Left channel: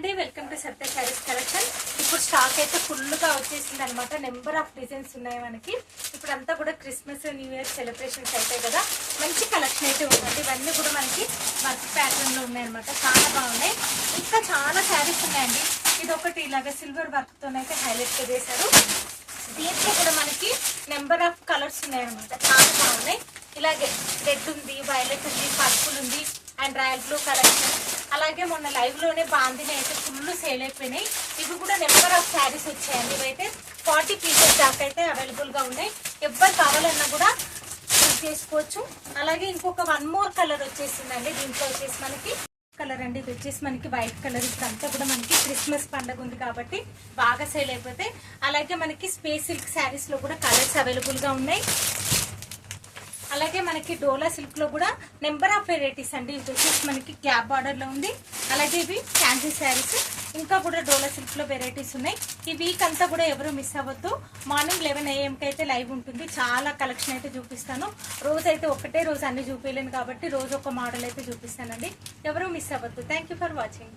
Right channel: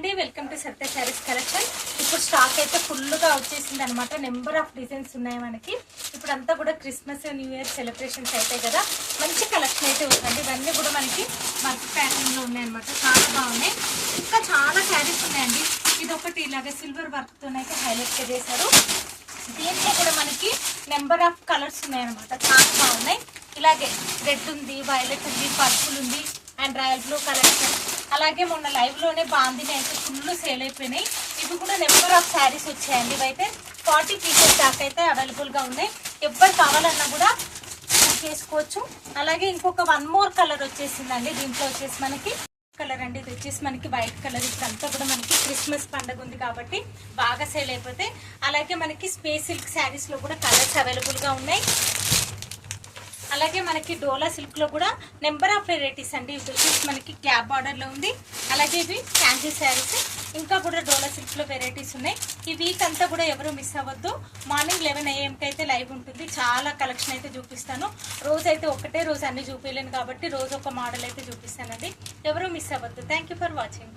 అండి, welcome to Satya saris collection. ఇప్పుడు stock అయితే ఫుల్ గా వచ్చేసింది అనమాట. నెంబర్ ఆఫ్ డిజైన్స్ ఉన్నాయి మనకి. ఇప్పుడు అంతా కూడా క్రిస్మస్ న్యూ ఇయర్ సెలబ్రేషన్స్ అవుతాయి కదా, మంచి కలెక్షన్ అయితే ఉందండి. ఇవన్నీ కూడా మనకి వర్క్ ప్యాటర్న్ లో ఉన్నాయి అనమాట. చాలా బాగున్నాయి. ఇంకా చాలా శారీస్ ఉన్నాయండి. ఇది ఒకటి ఇలాగా సిల్వర్ వర్క్ తోనైతే హైలైట్ చేశారు. దీంట్లో కూడా మనకి నెంబర్ ఆఫ్ కలర్స్ ఉన్నాయన్నమాట. చాలా బాగున్నాయి. ఇలాగే రెడ్ ఉంది, వైలెట్ ఉంది, పర్పుల్ ఉంది అండ్ రాయల్ బ్లూ కలర్స్. అలాగే మొన్న లైవ్ లోనే బాందిని అయితే ఫుల్ సేల్ అయిపోయినాయి. ఇవి కూడా నెంబర్ ఆఫ్ శారీస్ వచ్చాయండి. ఇవైతే 40 పీసెస్ దాకా అయితే అవైలబుల్ గా ఉన్నాయి. ఎవరు కావాలన్నా కూడా బుక్ చేసుకోవచ్చు. అలాగే ఇంకొక 1 మోర్ కలర్ వచ్చేసిందండి. దీంట్లో వచ్చేసి మనకి కలర్ అండి. ఇది వచ్చేసి మనకి వైట్ కలర్. ఇప్పుడంతా కూడా మనకి క్రిస్మస్ పండుగ ఉంది కాబట్టి బాగా సేల్ అయిపోతాయి. అలాగే మనకి స్పేస్ సిల్క్ శారీస్ లో కూడా కలర్స్ అవైలబుల్ గా ఉన్నాయి. అలాగే మనకి డోలా సిల్క్ లో కూడా నెంబర్ ఆఫ్ వెరైటీస్ అండి. ఇది వచ్చేసి మనకి క్యాప్ బార్డర్ లో ఉంది. అలాగే ఇవి ఫ్యాన్సీ శారీస్. ఇంకా కూడా డోలా సిల్క్ లో వెరైటీస్ ఉన్నాయి. ఈ వీక్ అంతా కూడా ఎవరు మిస్ అవ్వద్దు. మార్నింగ్ 11 AM కి అయితే లైవ్ ఉంటుంది. చాలా కలెక్షన్ అయితే చూపిస్తాను. రోజు అయితే ఒకటే రోజు అన్ని చూపించలేను కాబట్టి రోజు ఒక మోడల్ అయితే చూపిస్తానండి. ఎవరు మిస్ అవ్వద్దు. Thank you for watching.